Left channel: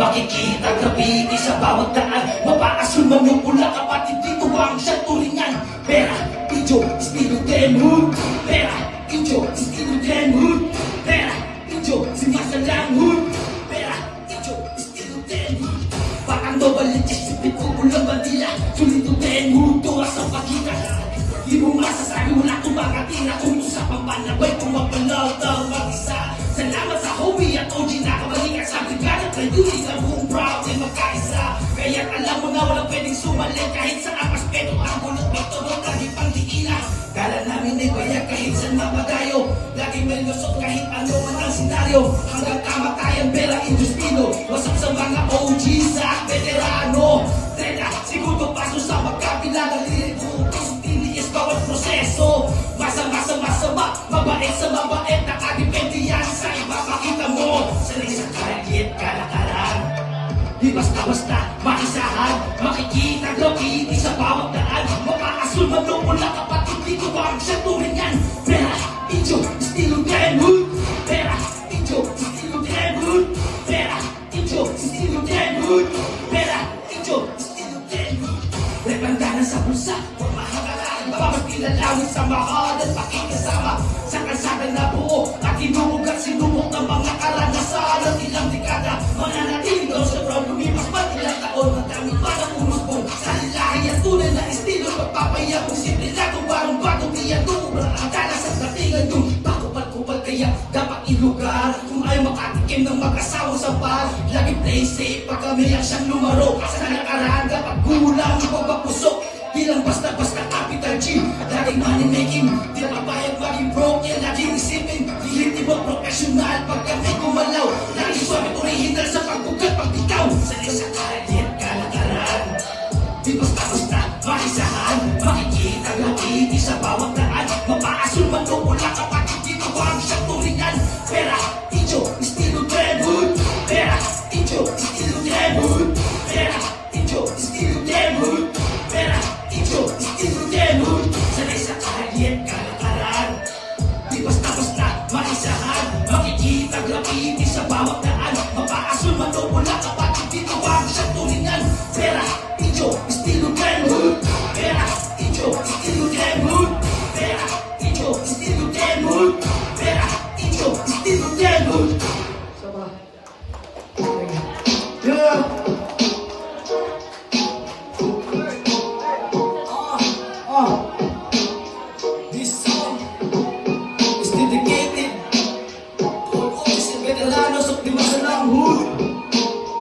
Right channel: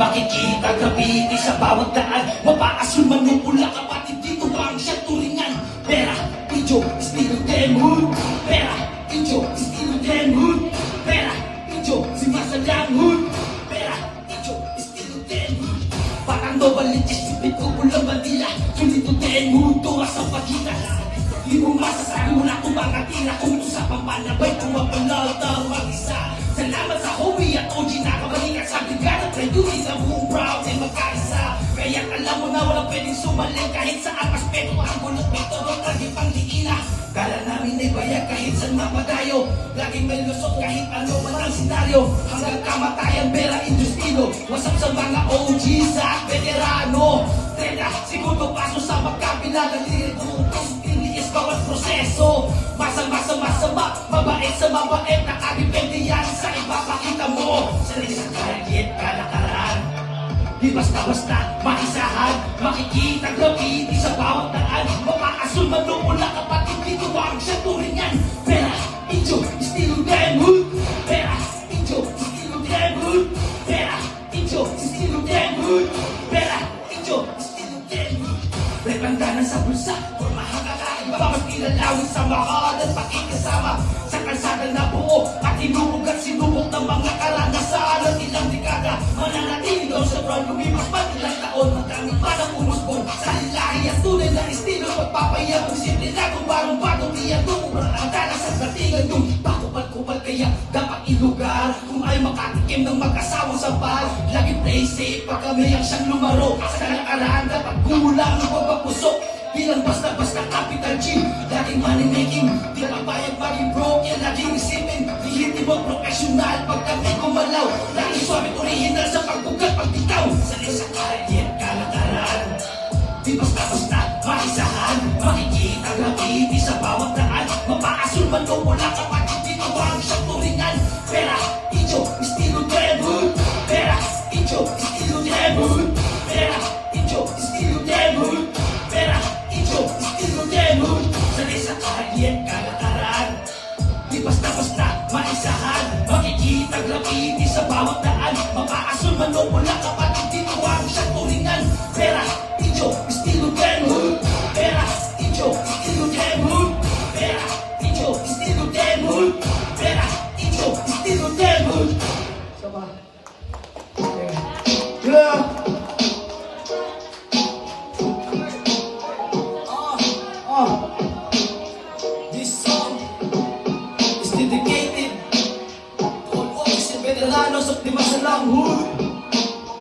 Makikita graffiti sa bawat daan. Mapaasul man ng pula, kapatid dito ang siyang turingan. Pera, video, estilo demo. Pera, video, estilo demo. Pera, video, sinasalang mood. Pera, video, estilo demo. Parang mabalit isipin ko ulang bandila. Sumito demo, tuwa sa pagitan. Di mo masasabi mo na kung mga tira kung usapang panabay kung mapanaw daw mag-isa. Salamat sa hobby at OG na kamalikas sa bigla at reduce sa buong proud and magkaisa. Kaya alam mo na walang pwedeng sumali kahit sa aspeto ang mulot bato at laging pangdiinas. Kala namin ay bayan kahit saan mapatayo. Laging may lusot kahit ano man ang senaryo. Hanggang kamatayan pera industrido. Wasak sa mga OG sa veterano. Teka, siguro paso sa magkapila ng lilit bukas. Bawat proseso, masama, mabait sa mabait, nakadepende yan sa ipapakita mo. Sanay sa kahit kalakaran, di basta-basta maisahan, makikita graffiti sa bawat daan. Mapaasul man nung mula kapatid dito bang siya turingan. Pera, video, estilo demo. Pera, video, estilo demo. Pera, video, estilo demo. Pera, video, estilo demo. Replantanan sa bulsa, bawat kinalangin sa mahal at pakikasama sa kalsada na buo at inubog at sinubok ng mga karanasan ng ilang dekada. Wala natin ikaw sa proud lumipas man ilang taon ng kami parang umusbong sa lilahi at tunay na estilo magpapayabong simple na kung parang bagong tiyatong murang ang talas sa platigan to. Bakubal kaya dapat ilugar kung ayaw makatikim ng mag-asawa sa bar. Lagi play safe pag kami lang siyang lumaro sa nakaraan dapat gulang ng pagpapusok. Bilang basta-basta capital G dating money making, di na bayad maging broke. Yan laging isipin, hiliti mo professional pagkat di kumalaw. Lagi swabe original sa pagbugat pagbitaw. Sa'yo sa kahit kalakaran, di basta-basta maisahan, makikita graffiti sa bawat daan. Mapaasul man kung wala kapatid dito bang siyang turingan. Pera, video, estilo demo. Pera, video, estilo demo. Pera, video, estilo demo. Pera, video, estilo demo. Sanay sa kahit kalakaran, di basta-basta maisahan, makikita graffiti sa bawat daan. Mapaasul man kung wala kapatid dito bang siyang turingan. Pera, video, estilo demo. Pera, video, estilo demo. Pera, video, estilo demo. Pera, video, estilo demo. Yeah.